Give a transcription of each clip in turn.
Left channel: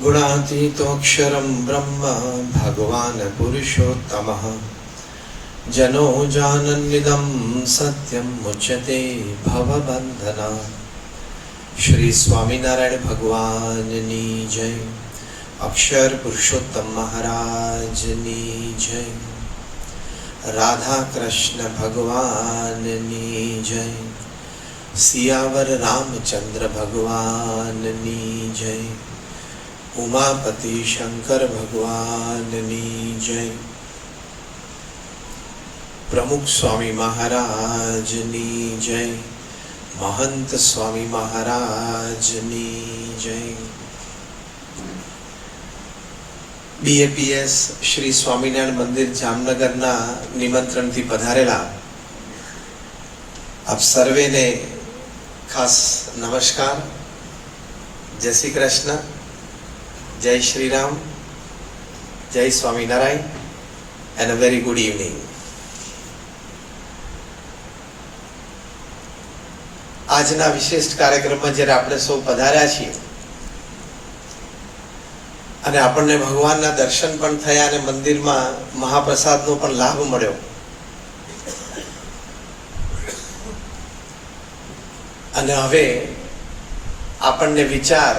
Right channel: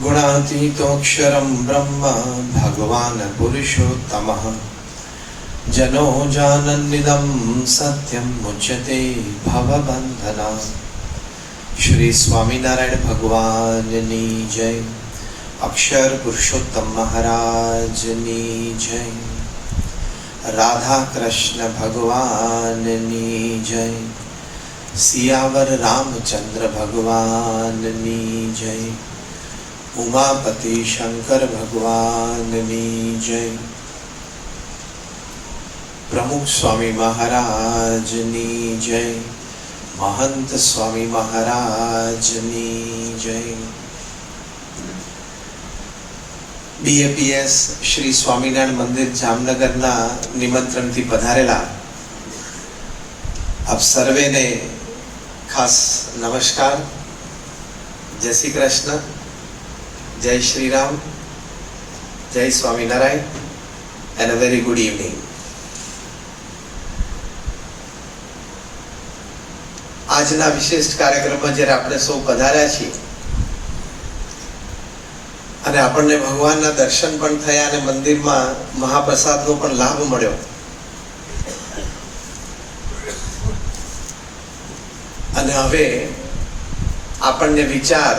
गुणातीतोऽक्षरं ब्रह्म भगवान् पुरुषोत्तमः जनो जानन्निदं सत्यं मुच्यते भवबन्धना। श्री स्वामीनारायण भगवाननी जय। अक्षर पुरुषोत्तम महाराजनी जय। राधा कृष्ण भगवाननी जय। सियावर रामचंद्र भगवाननी जय। उमापति शंकर भगवाननी जय। प्रमुख स्वामी महाराजनी जय। महंत स्वामी महाराजनी जय। बीएपीएस श्री स्वामीनारायण मंदिर जामनगर ना निमंत्रण थी पधारेला आप सर्वे ने खास नमस्कार। जय श्री कृष्ण, जय श्री राम, जय Swaminarayan and a very good evening. આજના વિશિષ્ટ કાર્યક્રમમાં જ્યારે આપણે સૌ પધાર્યા છીએ અને આપણને ભગવાનના દર્શન પણ થયા અને મંદિરમાં મહાપ્રસાદનો પણ લાભ મળ્યો અને હવે આપણને વિચાર,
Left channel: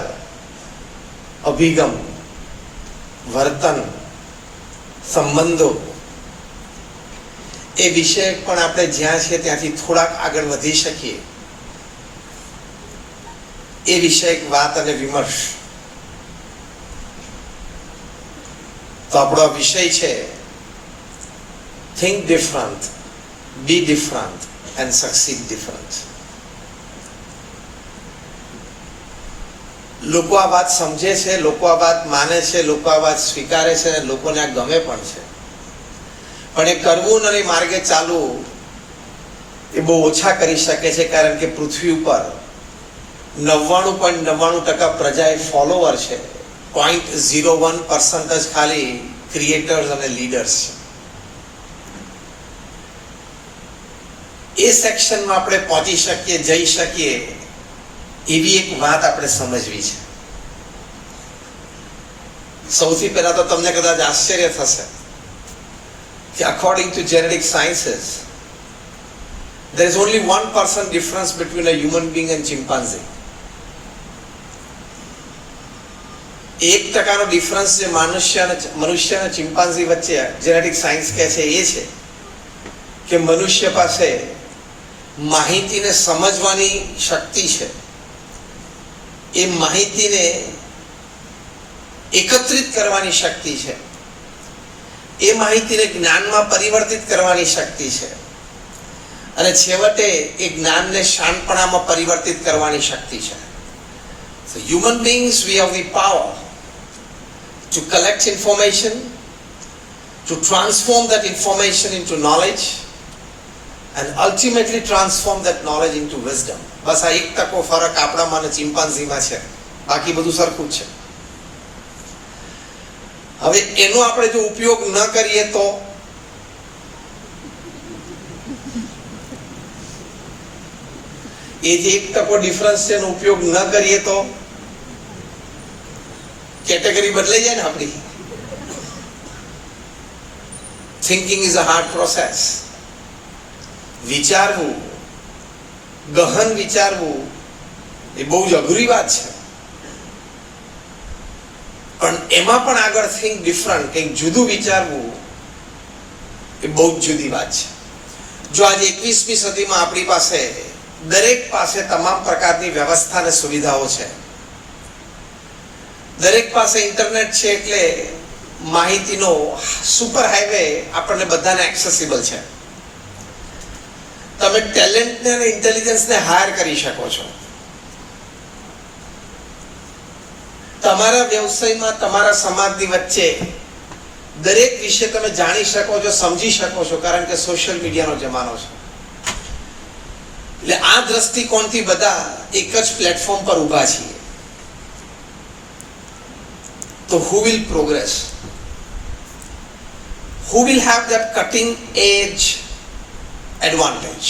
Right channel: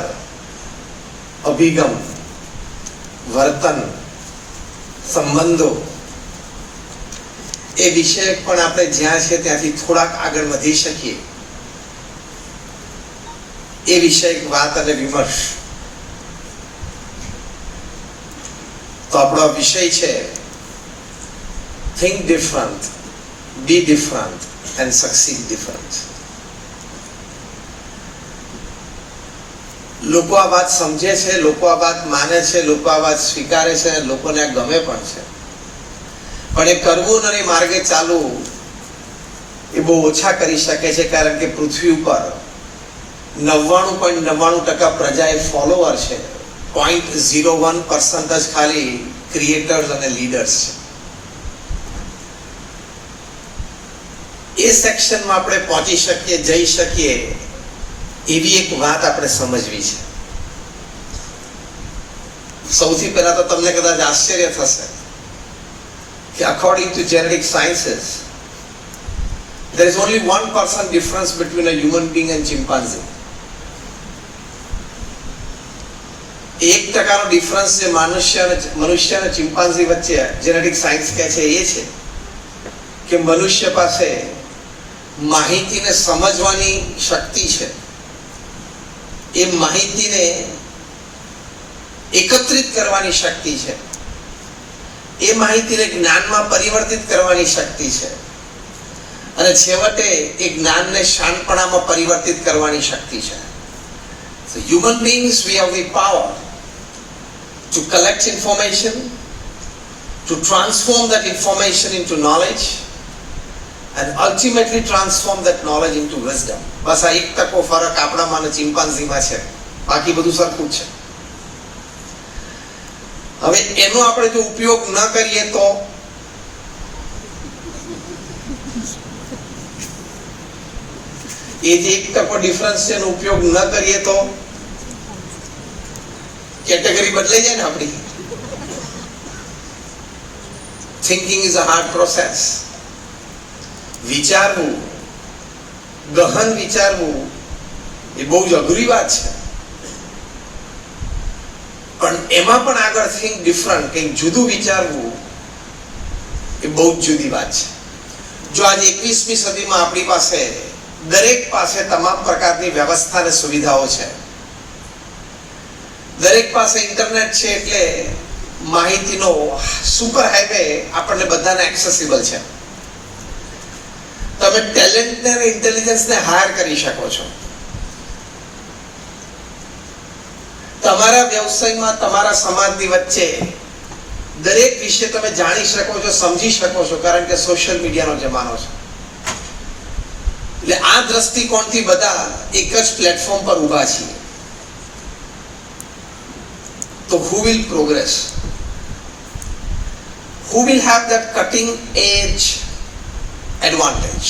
અભિગમ, વર્તન, સંબંધો એ વિષય પણ આપણે જ્યાં છે ત્યાંથી થોડાક આગળ વધી શકીએ એ વિષયક વાત અને વિમર્શ. તો આપણો વિષય છે think different, be different and succeed different. લોકો આ વાત સમજે છે, લોકો આ વાત માને છે, લોકો આ વાત સ્વીકારે છે, લોકોને આ ગમે પણ છે, પણ એ કરવું અને માર્ગે ચાલવું એ બહુ ઓછા કરી શકે છે. કારણ કે પૃથ્વી ઉપર 99.99% પ્રજા એ ફોલોવર છે, 0.01% જ ખાલી ક્રિએટર્સ અને લીડર્સ છે. એ સેક્શનમાં આપણે પહોંચી શકીએ, જઈ શકીએ એવી એક વાત આપણે સમજવી છે. સૌથી પહેલા તો તમને કદાચ આશ્ચર્ય થશે કે according to genetic sciences there is only 1% difference between a human being and chimpanzee. 1% difference જે મનુષ્ય અને ચિમ્પાન્ઝી વચ્ચે જેનેટિક સાયન્સ કહે છે એ છે કે મનુષ્ય પાસે માહિતીને સમજવાની શક્તિ છે, એ માહિતીને એકત્રિત કરવાની શક્તિ છે, એ માહિતીને જ્ઞાનમાં પરિવર્તિત કરવાની શક્તિ છે અને છેવટે એ જ્ઞાનને શાણપણામાં પરિવર્તિત કરવાની શક્તિ છે. So human beings, we have the power to collect information, to transform that information into knowledge and ultimately transform that knowledge into wisdom. બસ આ 1% ફરક આપણામાં અને ચિમ્પાન્ઝીમાં છે, બાકી બધું સરખું છે. હવે એનો આપણે જો ઉપયોગ ન કરીએ તો એ જે 1% ડિફરન્સ છે એનો ઉપયોગ ન કરીએ તો કેટેગરી બદલાઈ જાય ને આપણી. Thinking is a hard process. વિચારવું, ગહન વિચારવું એ બહુ જ અઘરી વાત છે, પણ એમાં પણ આગળ થિંક ડિફરન્ટ, કંઈક જુદું વિચારવું એ બહુ જ જુદી વાત છે. જો આજે 21મી સદીમાં આપણી પાસે દરેક પાસે તમામ પ્રકારની વ્યવસ્થા અને સુવિધાઓ છે, દરેક પાસે ઇન્ટરનેટ છે, એટલે માહિતીનો સુપર હાઈવે આપણને બધાને એક્સેસિબલ છે. તમે ટેલેન્ટને અને ઇન્ટેલિજન્સને હાયર કરી શકો છો. તમારા વ્યવસાયમાં, તમારા સમાજની વચ્ચે દરેક વિશે તમે જાણી શકો છો, સમજી શકો છો, કારણ કે સોશિયલ મીડિયાનો જમાનો છે. એટલે આ દ્રષ્ટિકોણથી બધા એક જ પ્લેટફોર્મ પર ઊભા છીએ. તો who will progress? Who will have that cutting edge advantage?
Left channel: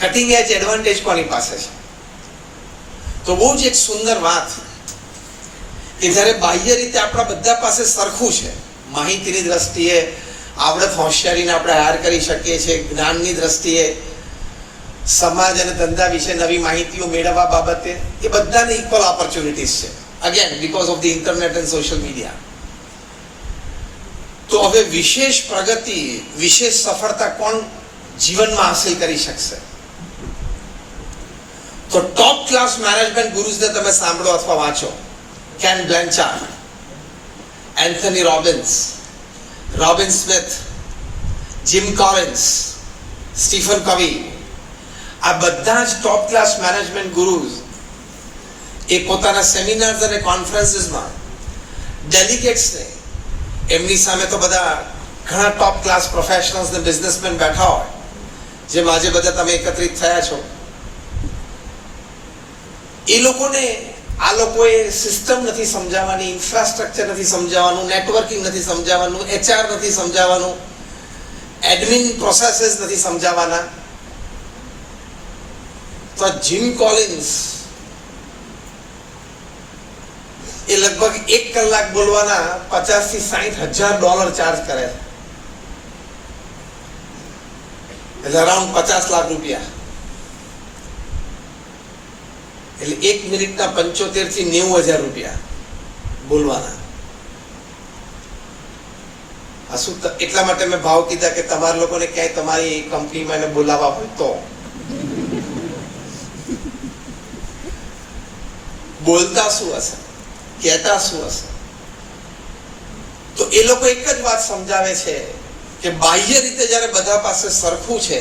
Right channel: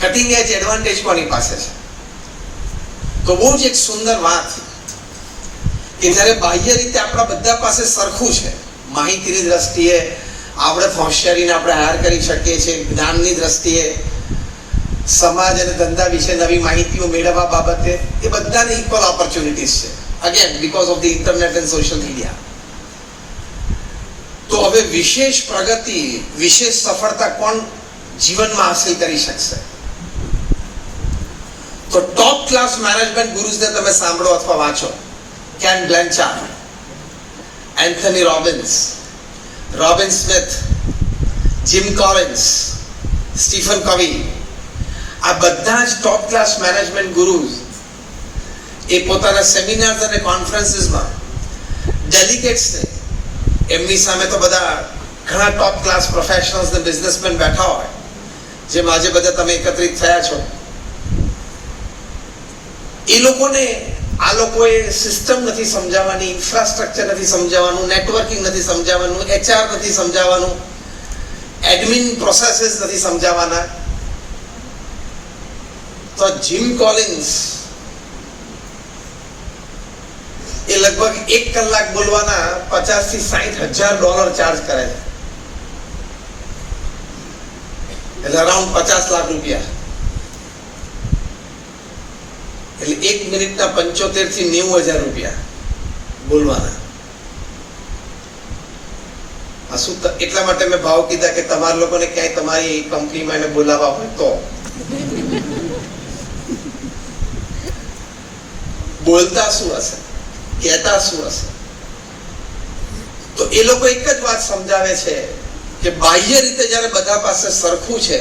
Cutting age advantage કોની પાસે છે? તો બહુ જ એક સુંદર વાત કે જ્યારે બાહ્ય રીતે આપણા બધા પાસે સરખું છે, માહિતીની દ્રષ્ટિએ આવડત હોશિયારીને આપણે હાયર કરી શકીએ છીએ, જ્ઞાનની દ્રષ્ટિએ સમાજ અને ધંધા વિશે નવી માહિતીઓ મેળવવા બાબતે એ બધાને ઇક્વલ ઓપોર્ચ્યુનિટીઝ છે, again because of the internet and social media. તો હવે વિશેષ પ્રગતિ, વિશેષ સફળતા કોણ જીવનમાં હાંસલ કરી શકશે? તો ટોપ ક્લાસ મેનેજમેન્ટ ગુરુઝને તમે સાંભળો અથવા વાંચો. Ken Blanchard, Anthony Robbins, Robin Smith, Jim Collins, Stephen Covey, આ બધા જ ટોપ ક્લાસ મેનેજમેન્ટ ગુરુઝ એ પોતાના સેમિનાર્સ અને કોન્ફરન્સીસમાં ડેલિગેટ્સને, એમની સામે તો બધા ઘણા ટોપ ક્લાસ પ્રોફેશનલ્સ ને બિઝનેસમેન બેઠા હોય, જેમ આજે બધા તમે એકત્રિત થયા છો. એ લોકોને આ લોકોએ સિસ્ટમ નથી સમજાવવાની, ઇન્ફ્રાસ્ટ્રક્ચર નથી સમજાવવાનું, નેટવર્કિંગ નથી સમજાવવાનું, HR નથી સમજાવવાનું, એડમિન પ્રોસેસીસ નથી સમજાવવાના. તો જીમ કોલિન્સ એ લગભગ 1 કલાક બોલવાના $50,000 થી $60,000 ચાર્જ કરે છે, એટલે અરાઉન્ડ $50 લાખ. એટલે 1 મિનિટના $75,000 થી $90,000 બોલવાના. શું એટલા માટે મેં ભાવ કીધા કે તમારા લોકોને ક્યાંય તમારી કંપનીમાં એને બોલાવવા હોય તો બોલતા શું હશે, કહેતા શું હશે? તો એ લોકો એક જ વાત સમજાવે છે કે બાહ્ય રીતે જ્યારે બધા પાસે સરખું છે,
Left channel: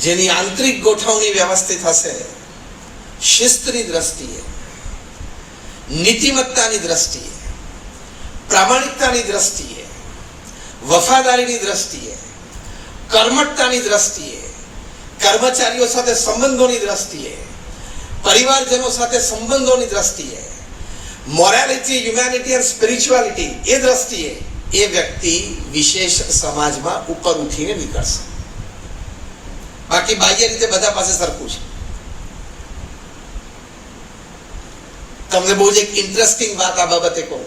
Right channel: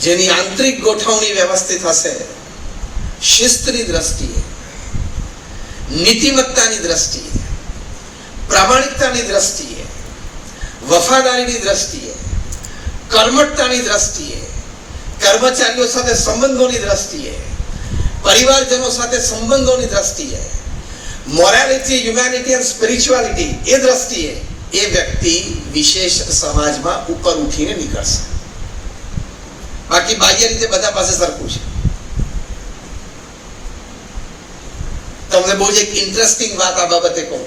જેની આંતરિક ગોઠવણી વ્યવસ્થિત હશે, શિસ્તની દ્રષ્ટિએ, નીતિમત્તાની દ્રષ્ટિએ, પ્રામાણિકતાની દ્રષ્ટિએ, વફાદારીની દ્રષ્ટિએ, કર્મઠતાની દ્રષ્ટિએ, કર્મચારીઓ સાથે સંબંધોની દ્રષ્ટિએ, પરિવારજનો સાથે સંબંધોની દ્રષ્ટિએ, મોરાલિટી, હ્યુમેનિટી અને સ્પિરિચ્યુઆલિટી એ દ્રષ્ટિએ એ વ્યક્તિ વિશેષ સમાજમાં ઉપર ઉઠીને નીકળશે. બાકી બાહ્ય રીતે બધા પાસે સરખું છે. તમને બહુ જ એક ઇન્ટરેસ્ટિંગ વાત આ બાબતે કહું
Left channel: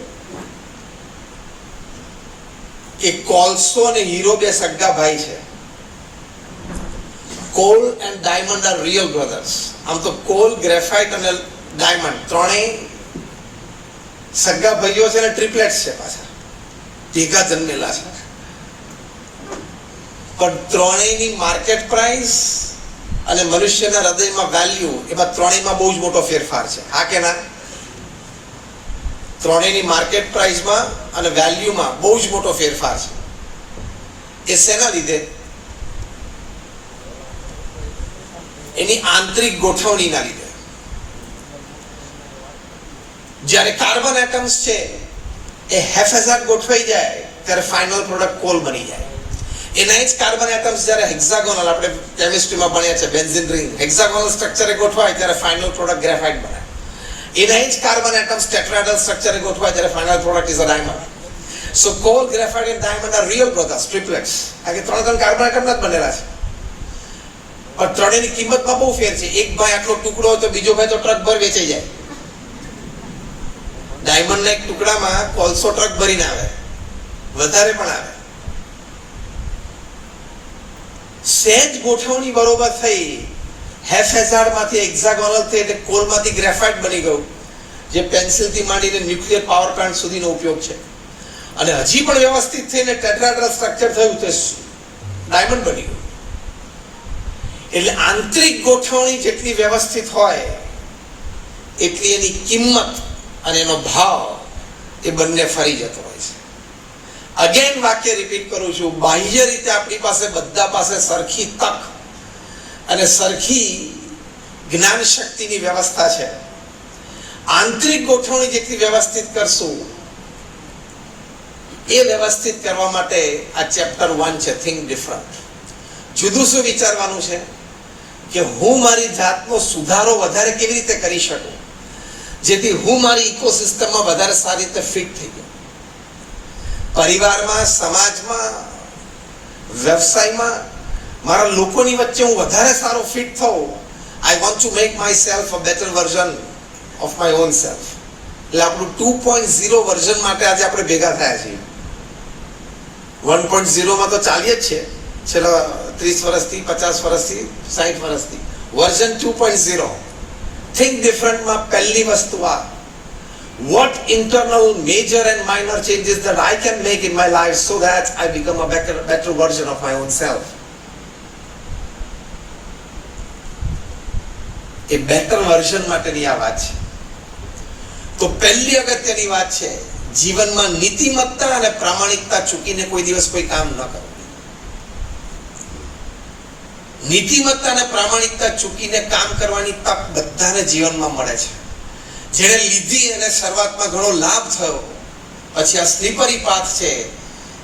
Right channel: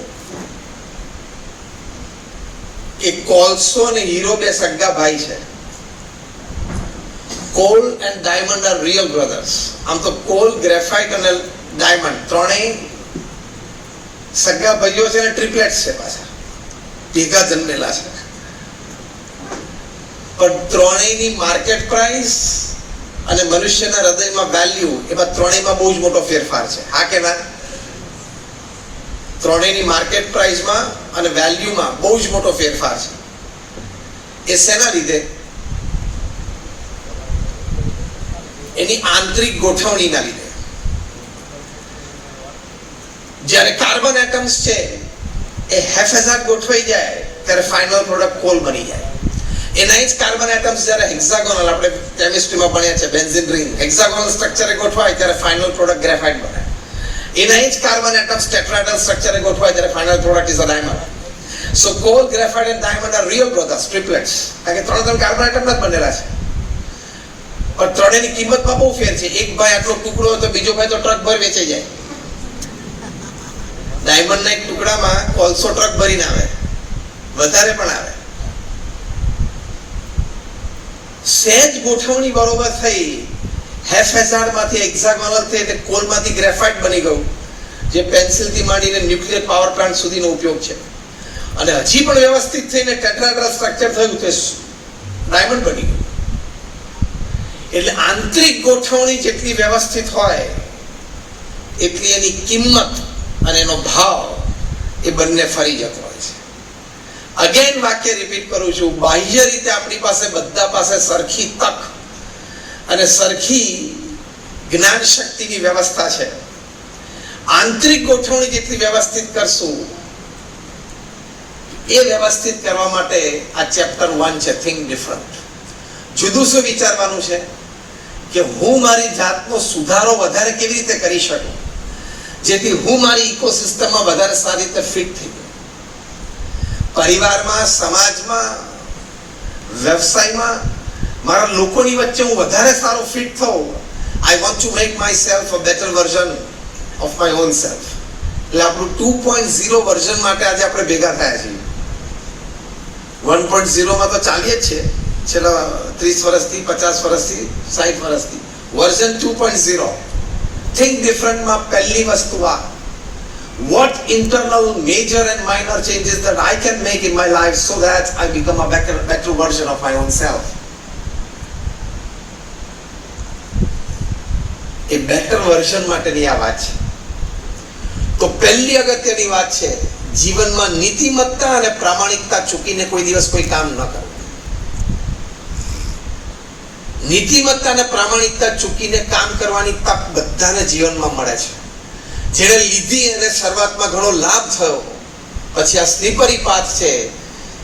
કે કોલસો અને હીરો બે સગા ભાઈ છે. Call and diamond are real brothers. આમ તો કોલ, ગ્રેફાઇટ અને ડાયમંડ ત્રણેય સગા ભાઈઓ છે અને ટ્રિપલેટ્સ છે, પાછા ભેગા જન્મેલા છે. પણ ત્રણેયની માર્કેટ પ્રાઇસ અને મનુષ્યના હૃદયમાં વેલ્યુ, એમાં ત્રણેયમાં બહુ જ મોટો ફેરફાર છે. હા કે ના? ત્રણેયની માર્કેટ પ્રાઇસમાં અને વેલ્યુમાં બહુ જ મોટો ફેરફાર છે. એ શેના લીધે? એની આંતરિક ગોઠવણીના લીધે. જ્યારે કાર્બન એટમ્સ છે એ હેફેઝાડ ગોઠવાઈ જાય ત્યારે ફાઇનલ પ્રોડક્ટ કોલ બની જાય. એના જ કાર્બન એટમ્સ જ્યારે હેક્સાગોનલ, આપણે કેમિસ્ટ્રીમાં ભણ્યા છે બેન્ઝીન રિંગ, હેક્સાગોનલ સ્ટ્રક્ચરે ગોઠવાય ત્યારે ફાઇનલ પ્રોડક્ટ ગ્રેફાઇટ બને. એના જ કાર્બન એટમ્સ ટેટ્રાહેડ્રલ સ્ટ્રક્ચરે ગોઠવાય ત્યારે final product is a diamond. So coal, graphite and diamond are real brothers, triplets. કારણ કે ત્રણ કાર્બન એટમના જ બનેલા છે. પણ ત્રણેયની કિંમતમાં બહુ ફેર છે. એક ભાઈ આટલો ટુકડો હોય તો બીજો ભાઈ તો ટ્રક ભર વેચાઈ જાય. ડાયમંડના એક ટુકડામાં કોલસો ટ્રક ભરીને આવે, વધારે પણ આવે. સહેજ ગોઠવણી બરોબર થઈ, હેફેઝાડમાંથી હેક્સાગોનલ થઈ એટલે કોલમાંથી ગ્રેફાઇટ બની ગયું, જે પેન્સિલથી માંડીને ન્યુક્લિયર પાવર પ્લાન્ટ સુધીનો ઉપયોગ છે. અને હજી પણ વ્યવસ્થિત થઈને ટેટ્રાહેડ્રલ સ્ટ્રક્ચર થયું તો ડાયમંડ બની ગયું. એટલે આંતરિક ગોઠવણી જેટલી વ્યવસ્થિત હોય એટલી એની કિંમત અને એનો ભાવ એ બંને ફરી જતો હોય છે. અગેન વાક્ય રિપીટ કરું છું, બાહ્ય રીતે આપણી પાસે બધા પાસે સરખી તક અને સરખી જ્ઞાન શક્તિની વ્યવસ્થા છે. આંતરિક ગોઠવણી જેટલી વ્યવસ્થિત કરશું, એ વ્યવસ્થિત કરવા માટે આ ચેપ્ટર 1 છે, થિંક ડિફરન્ટ. જુદું શું વિચારવાનું છે કે હું મારી જાતનો સુધારો વધારે કેવી રીતે કરી શકું, જેથી હું મારી ઇકોસિસ્ટમમાં વધારે સારી રીતે ફિટ થઈ જાઉં. પરિવારમાં, સમાજમાં, વ્યવસાયમાં મારા લોકોની વચ્ચે હું વધારે સારો fit થઉં. I want to make myself a better version of my own self. એટલે આપણું 2.0 વર્ઝન માટે આજે આપણે ભેગા થયા છીએ. 1.0 માં તો ચાલીએ જ છે છેલ્લા 30 વર્ષથી, 50 વર્ષથી, 60 વર્ષથી. વર્ઝન 2.0 થિંક ડિફરન્ટ માં પહેલી વસ્તુ આ, what internal major and minor changes that I can make in my life so that I become a better version of my own self. A better version માટેની આ વાત છે. તો પહેલી અગત્યની વાત છે, જીવનમાં નીતિમત્તા અને પ્રામાણિકતા ચૂકીને કોઈ દિવસ કોઈ કામ ન કરવું. નીતિમત્તા અને પ્રામાણિકતા ચૂકીને કામ કરવાની તક બધાને જીવનમાં મળે છે. જેણે લીધી અને શરૂઆતમાં ઘણો લાભ થયો, પછી આ સ્લીપરી પાથ છે,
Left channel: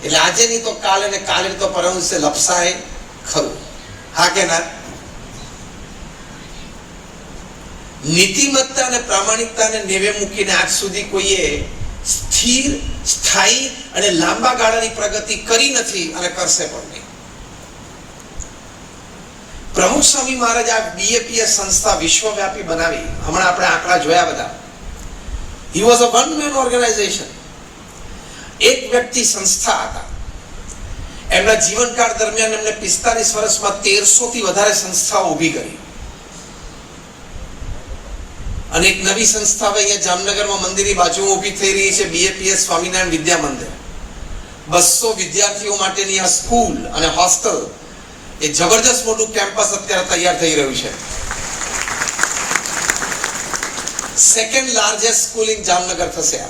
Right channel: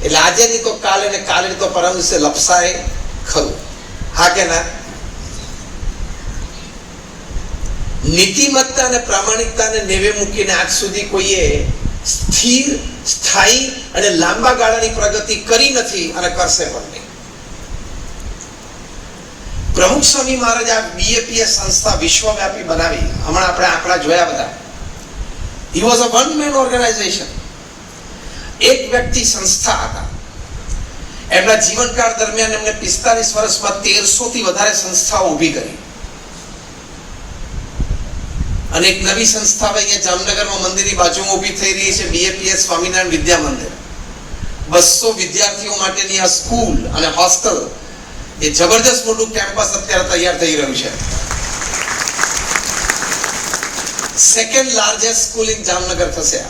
એટલે આજે નહીં તો કાલે ને કાલે તો પરમ દિવસે લપસાય ખરું. હા કે ના? નીતિમત્તા અને પ્રામાણિકતાને નેવે મૂકીને આજ સુધી કોઈએ સ્થિર, સ્થાયી અને લાંબા ગાળાની પ્રગતિ કરી નથી અને કરશે પણ નહીં. પ્રમુખ સ્વામી મહારાજ આ BAPS સંસ્થા વિશ્વવ્યાપી બનાવી. હમણાં આપણે આંકડા જોયા બધા. He was a one man organization. એક વ્યક્તિ સંસ્થા હતા. એમના જીવનકાળ દરમિયાન એમને 45 વર્ષમાં 1300 થી વધારે સંસ્થાઓ ઊભી કરી. અને એક નવી સંસ્થા અહીંયા જામનગરમાં મંદિરની બાજુમાં ઊભી થઈ રહી છે, BAPS સ્વામિનારાયણ વિદ્યા મંદિર. 200 વિદ્યાર્થીઓ માટેની આ સ્કૂલ અને હોસ્ટેલ, એ જબરદસ્ત મોટું કેમ્પસ અત્યારે તૈયાર થઈ રહ્યું છે. Second largest school in Jamnagar થશે.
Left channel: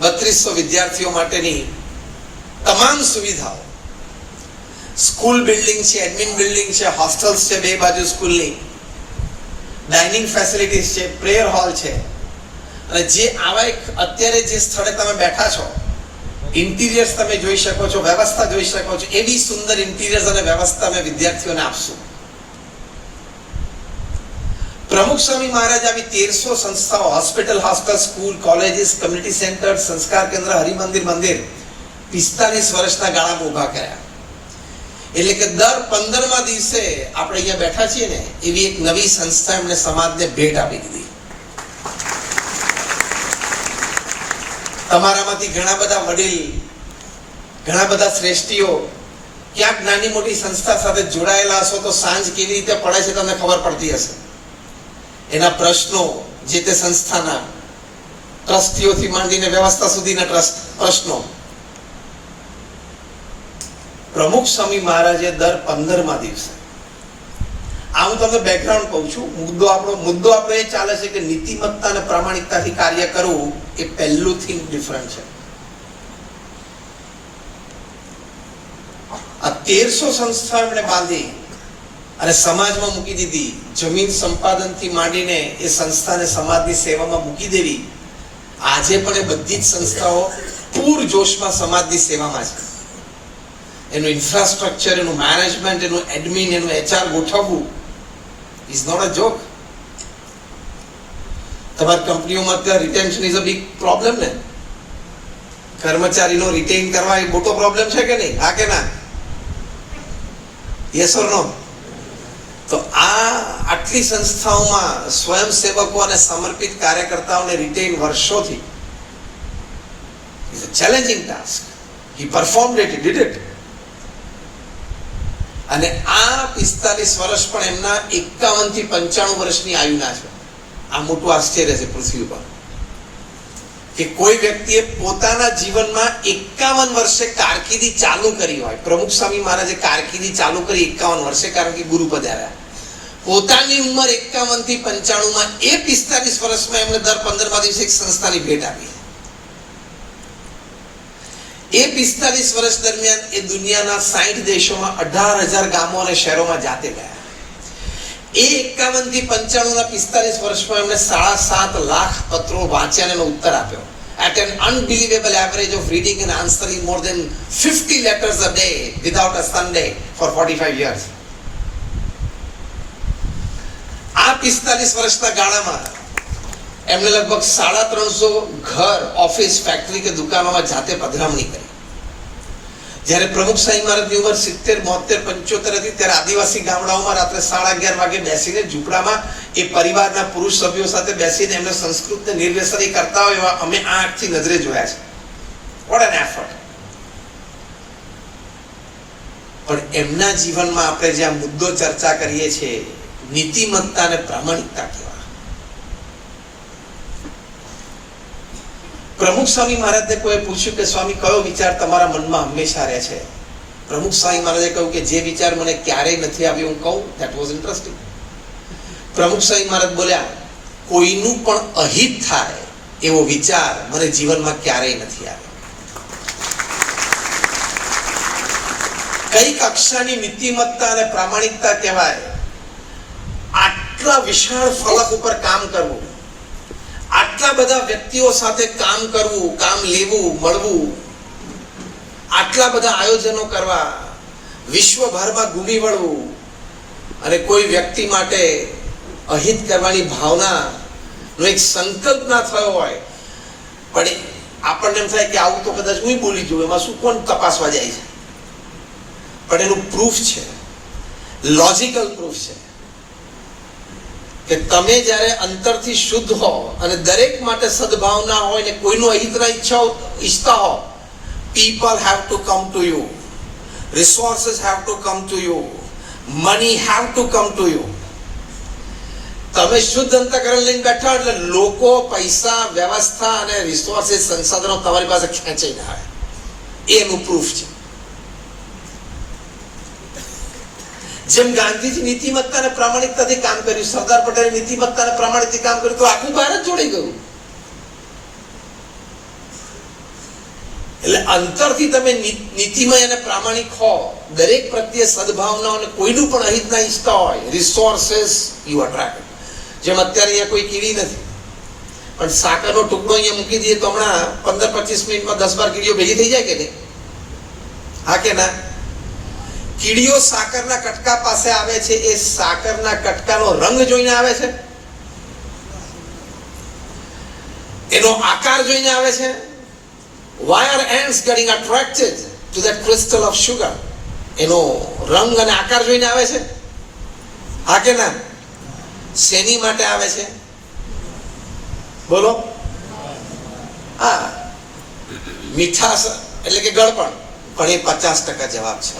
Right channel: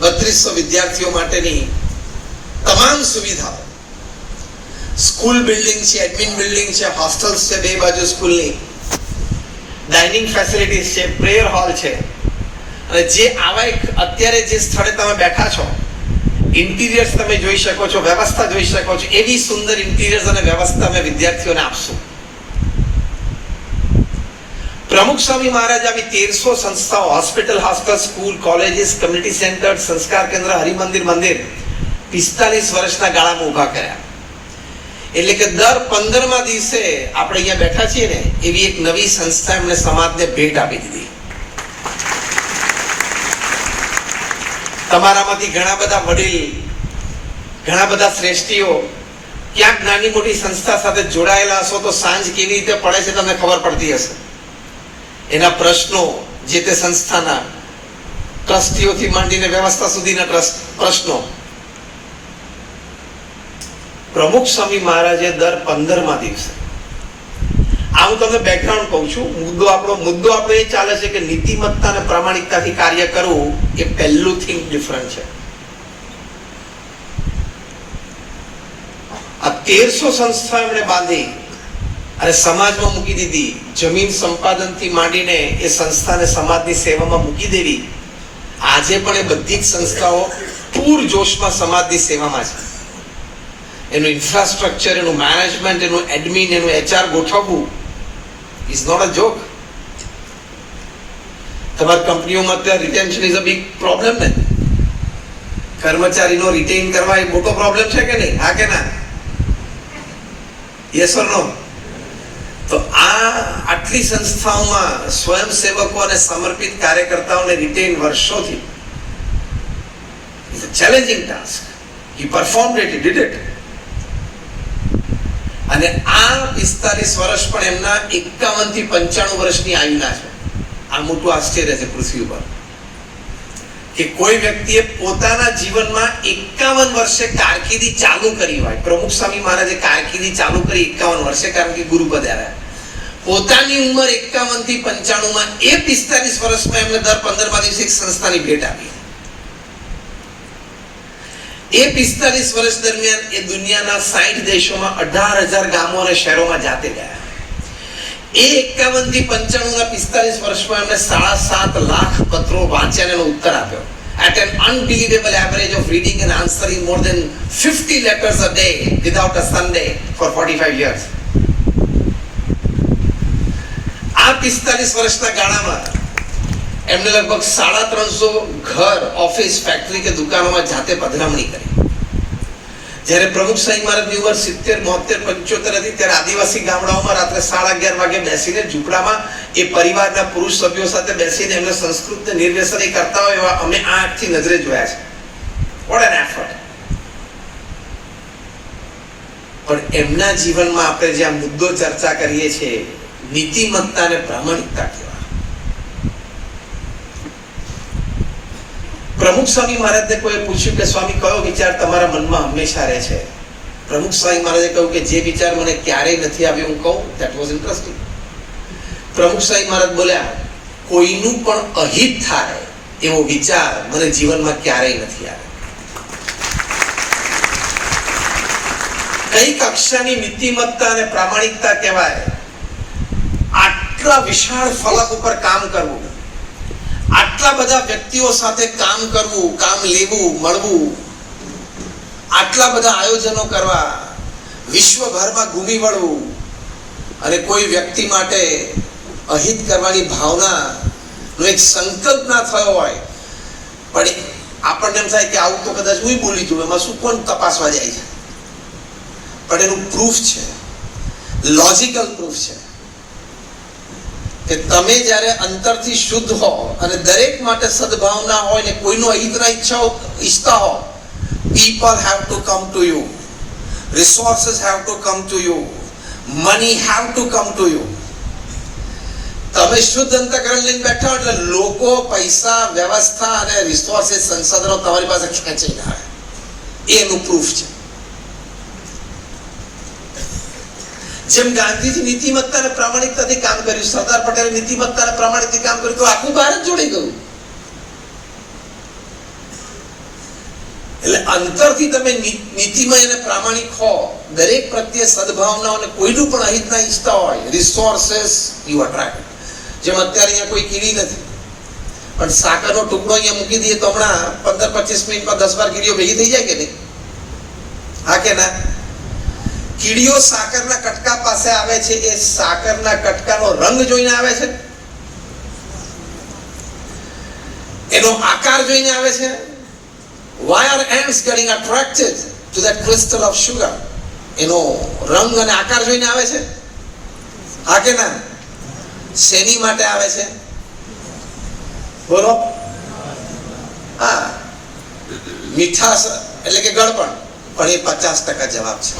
3200 વિદ્યાર્થીઓ માટેની તમામ સુવિધાઓ, સ્કૂલ બિલ્ડિંગ છે, એડમિન બિલ્ડિંગ છે, હોસ્ટેલ્સ છે બે બાજુ સ્કૂલની, ડાઇનિંગ ફેસિલિટીઝ છે, પ્રેયર હોલ છે. અને જે આવા અત્યારે જે સ્થળે તમે બેઠા છો, ઇન્ટિરિયર્સ તમે જોઈ શકો છો, વ્યવસ્થા જોઈ શકો છો, એવી સુંદર ઇન્ટિરિયર્સ અને વ્યવસ્થા અમે વિદ્યાર્થીઓને આપશું. પ્રમુખ સ્વામી મહારાજ આવી 1300 સંસ્થાઓ, hospital, hostel, school, colleges, community centre, સંસ્કાર કેન્દ્ર, હરિમંદિર, મંદિર 45 વર્ષના ગાળામાં ઊભા કર્યા. એટલે કે દર 15મા દિવસે આપણે અહીંયા બેઠા છીએ ને, એવી એક નવી સંસ્થા એમને સમાજને ભેટ આપી દીધી. તમારામાંથી ઘણા બધા વડીલ, ઘણા બધા શ્રેષ્ઠીઓ ક્યાંક નાની મોટી સંસ્થા સાથે જોડાયેલા હશો તો સાંજ કેવી રીતે પડે છે તમને ખબર પડતી હશે. એના પ્રશ્નો, જે તે સંસ્થાના ટ્રસ્ટીઓથી માંડીને વ્યવસ્થા સુધીના પ્રશ્નો પ્રમુખ સ્વામી મહારાજે દર 15મા દિવસે, આ હું તમને બેકગ્રાઉન્ડ કહું છું, મુદ્દો આપણો એ ચાલે છે કે નીતિમત્તા અને પ્રામાણિકતાથી કાર્ય કરવું એ પહેલું થિંક ડિફરન્ટ છે. આ 1300 સંસ્થા એમણે બાંધી અને સમાજમાં મૂકી દીધી. જમીન સંપાદનથી માંડીને એ સંસ્થાને સમાજની સેવામાં મૂકી દેવી. આજે પણ એ બધી જ સંસ્થાઓ પૂરજોશમાં સમાજની સેવામાં છે. એનું ઇન્ફ્રાસ્ટ્રક્ચર, એનું મેનેજમેન્ટ, એનું એડમિન, એનું HR ગોઠવવું ઇઝ નોટ અ જોક. તમારી કંપનીઓમાં અત્યારે retention is a big problem ને. કર્મચારીનો રિટેન કરવા એ મોટો પ્રોબ્લેમ છે કે નહીં? હા કે ના? યસ ઓર નો? તો આટલી સંસ્થાઓમાં સ્વયંસેવકો અને સમર્પિત કાર્યકર્તાઓને રિટેન વર્ષોથી is a challenging task. He performed it, he did it. અને આ 45 વર્ષ પણ એમના 51 થી 95 વર્ષની આયુના છે. આ મોટું આશ્ચર્ય છે પૃથ્વી ઉપર કે કોઈ વ્યક્તિએ પોતાના જીવનમાં 51 વર્ષે કારકિર્દી ચાલુ કરી હોય. પ્રમુખ સ્વામી મહારાજે કારકિર્દી ચાલુ કરી 51 વર્ષે, કારણ કે ગુરુ પધાર્યા. પોતાની ઉંમર 51 થી 95 માં એ 45 વર્ષમાં એમને દર 15મા દિવસે એક સંસ્થાની ભેટ આપી. એ 45 વર્ષ દરમિયાન એ દુનિયાના 60 દેશોમાં 18,000 ગામો અને શહેરોમાં જાતે ગયા. એ 51 થી 95 ના 45 વર્ષમાં એમને 7.5 લાખ પત્રો વાંચ્યા અને એનો ઉત્તર આપ્યો. At an unbelievable average of reading and answering more than 50 letters a day without a Sunday for 45 years. આ 45 વર્ષના ગાળામાં એમને લગભગ 350 ઘર, ઓફિસ, ફેક્ટરી કે દુકાનોમાં જાતે પધરામણી કરી. જ્યારે પ્રમુખ સ્વામી મહારાજની ઉંમર 70, 72, 75 હતી ત્યારે આદિવાસી ગામડાઓમાં રાત્રે 11:30 વાગે બેસીને ઝૂંપડામાં એ પરિવારના પુરુષ સભ્યો સાથે બેસીને એમને સંસ્કૃતને નિર્વ્યસની કરતા હોય એવા અમે આ આંખથી નજરે જોયા છે. What an effort. પણ એમના જીવનમાં આપણે જે આ મુદ્દો ચર્ચા કરીએ છીએ, નીતિમત્તા અને પ્રામાણિકતા કેવા. પ્રમુખ સ્વામી મહારાજને કોઈ પૂછ્યું કે સ્વામી કયો વિચાર તમારા મનમાં હંમેશા રહે છે? પ્રમુખ સ્વામી મહારાજે કહ્યું કે જે વિચાર મને ક્યારેય નથી આવ્યો હું કહું. That was interesting. પ્રમુખ સ્વામી મહારાજ બોલ્યા, કોઈનું પણ અહિત થાય એવો વિચાર મને જીવનમાં ક્યારેય નથી આવ્યો. કઈ કક્ષાની નીતિમત્તા અને પ્રામાણિકતા કહેવાય? આટલા વિશાળ ફલક ઉપર કામ કરવું, આટલા બધા વ્યક્તિઓ સાથે કામ કરવું, કામ લેવું, મળવું, આટલા બધા આયોજનો કરવા, વિશ્વભરમાં ઘૂમી વળવું અને કોઈ વ્યક્તિ માટે અહિત કરવાની ભાવના એક સંકલ્પ ના થયો હોય, પણ આપણને એમ થાય કે આવું તો કદાચ હું બોલી દઉં, એમાં શું કોણ તપાસવા જાય છે? પણ એનું પ્રૂફ છે, લોજિકલ પ્રૂફ છે કે તમે જ્યારે અંતરથી શુદ્ધ હો અને દરેક માટે સદભાવના હોય ને કોઈનું અહિતના ઈચ્છતા હો, people have to come to you, resources have to come to you, money have to come to you. તમે શુદ્ધ અંતઃકરણ લઈને બેઠા એટલે લોકો, પૈસા, વ્યવસ્થા અને રિસોર્સિસ, સંસાધનો તમારી પાસે ખેંચીને આવે. એનું પ્રૂફ છે. જેમ ગાંધીજી નીતિમત્તા અને પ્રામાણિકતાથી કામ કર્યું, સરદાર પટેલે નીતિમત્તા અને પ્રામાણિકતાથી કામ કર્યું, તો આખું ભારત જોડાઈ ગયું. એટલે અંતરથી તમે નીતિમય અને પ્રામાણિક હો, દરેક પ્રત્યે સદભાવના અને કોઈનું પણ અહિત ના ઈચ્છતા હોય, રિસોર્સિસ યુ અટ્રેક્ટ. જેમ અત્યારે અહીંયા કોઈ કીડી નથી, પણ સાકરનો ટુકડો અહીંયા મૂકી દઈએ તો હમણાં 15-25 મિનિટમાં 10-12 કીડીઓ ભેગી થઈ જાય કે નહીં? હા કે ના? કીડીઓ સાકરના કટકા પાસે આવે છે, એ સાકરના કટકાનો રંગ જોઈને આવે છે, એનો આકાર જોઈને આવે છે. Why are ants getting attracted to that crystal of sugar? એનો રંગ અને આકાર જોઈને આવે છે. હા કે ના? શેની માટે આવે છે? બોલો. હા, મીઠાશ એટલે કે ગળપણ. પણ એ 50% જવાબ છે,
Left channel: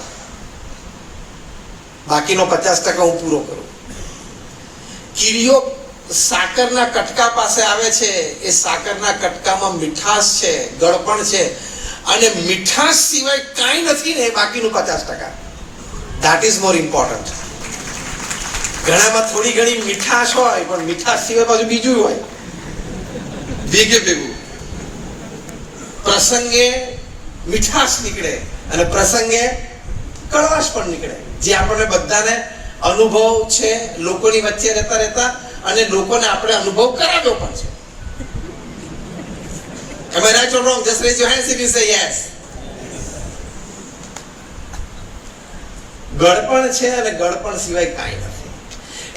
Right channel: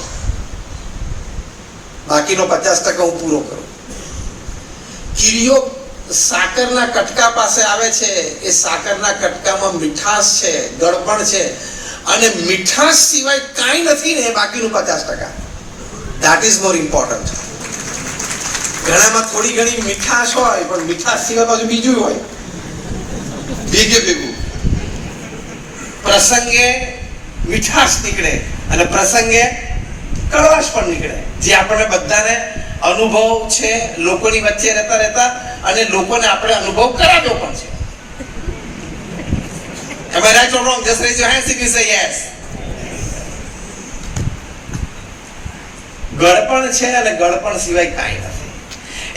બાકીનો 50% હું પૂરો કરું. કીડીઓ સાકરના કટકા પાસે આવે છે, એ સાકરના કટકામાં મીઠાશ છે, ગળપણ છે, અને મીઠાશ સિવાય કાંઈ નથી ને બાકીનું 50%. That is more important. ઘણામાં થોડી ઘણી મીઠાશ હોય, પણ મીઠાશ સિવાય પાછું બીજું હોય, ભેગું. પ્રસંગે મીઠાશ નીકળે અને પ્રસંગે કડવાશ પણ નીકળે, જે આપણને બધાને અનુભવ છે લોકોની વચ્ચે રહેતા અને લોકોને આપણે અનુભવ કરાવ્યો પણ છે. Am I right or wrong? Just raise your hands if you say yes. ગળપણ છે અને ગળપણ સિવાય કાંઈ નથી.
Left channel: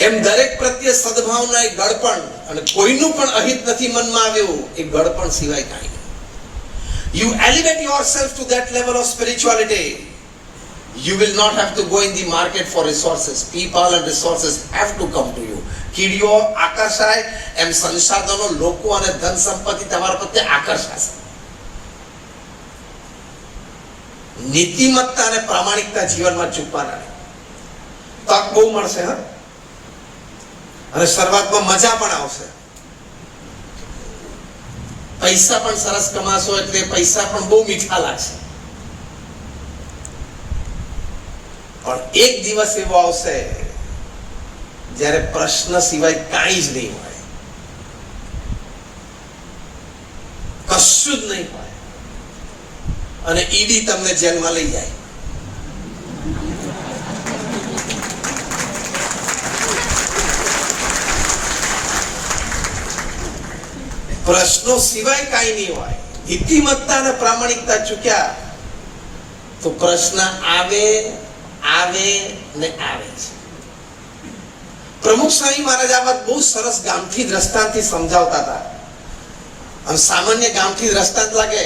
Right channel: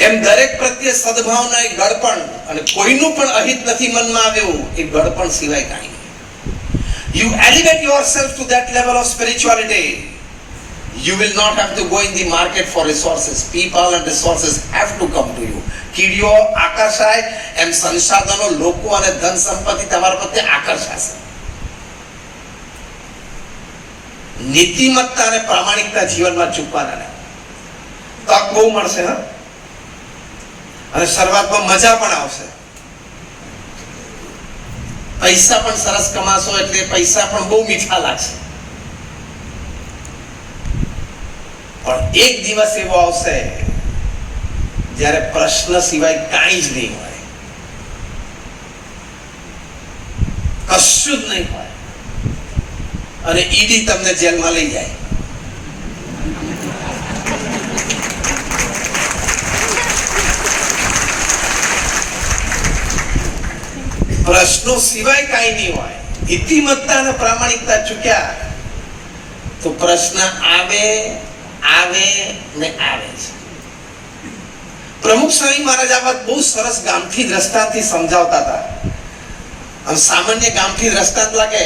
એમ દરેક પ્રત્યે સદભાવના એ ગળપણ, અને કોઈનું પણ અહિત નથી મનમાં આવ્યું એ ગળપણ સિવાય કાંઈ નહીં. You elevate yourself to that level of spirituality, you will not have to go in the market for resources. People and resources have to come to you. કીડીઓ આકર્ષાય એમ સંસાધનો, લોકો અને ધન સંપત્તિ તમારા પ્રત્યે આકર્ષાશે. નીતિમત્તા અને પ્રામાણિકતા જીવનમાં ચૂકવાના નહીં. તક બહુ મળશે ને, અને શરૂઆતમાં મજા પણ આવશે. પૈસા પણ સરસ કમાશો એટલે પૈસા પણ બહુ મીઠા લાગશે. પણ એક દિવસ એવો આવશે જ્યારે પ્રશ્ન સિવાય કાંઈ જ નહીં હોય, કશું જ નહીં હોય, અને ઈડી તમને જેલમાં લઈ જાય. પ્રશ્નો સિવાય કાંઈ નહીં હોય, નીતિમત્તા અને પ્રામાણિકતા ચૂક્યા તો પ્રશ્ન આવે ને આવે છે. પ્રમુખ સ્વામી મહારાજ આ વાત બહુ સરસ ગામઠી દ્રષ્ટાંતથી સમજાવતા હતા. આમ સામાન્ય ગામઠી દ્રષ્ટાંત લાગે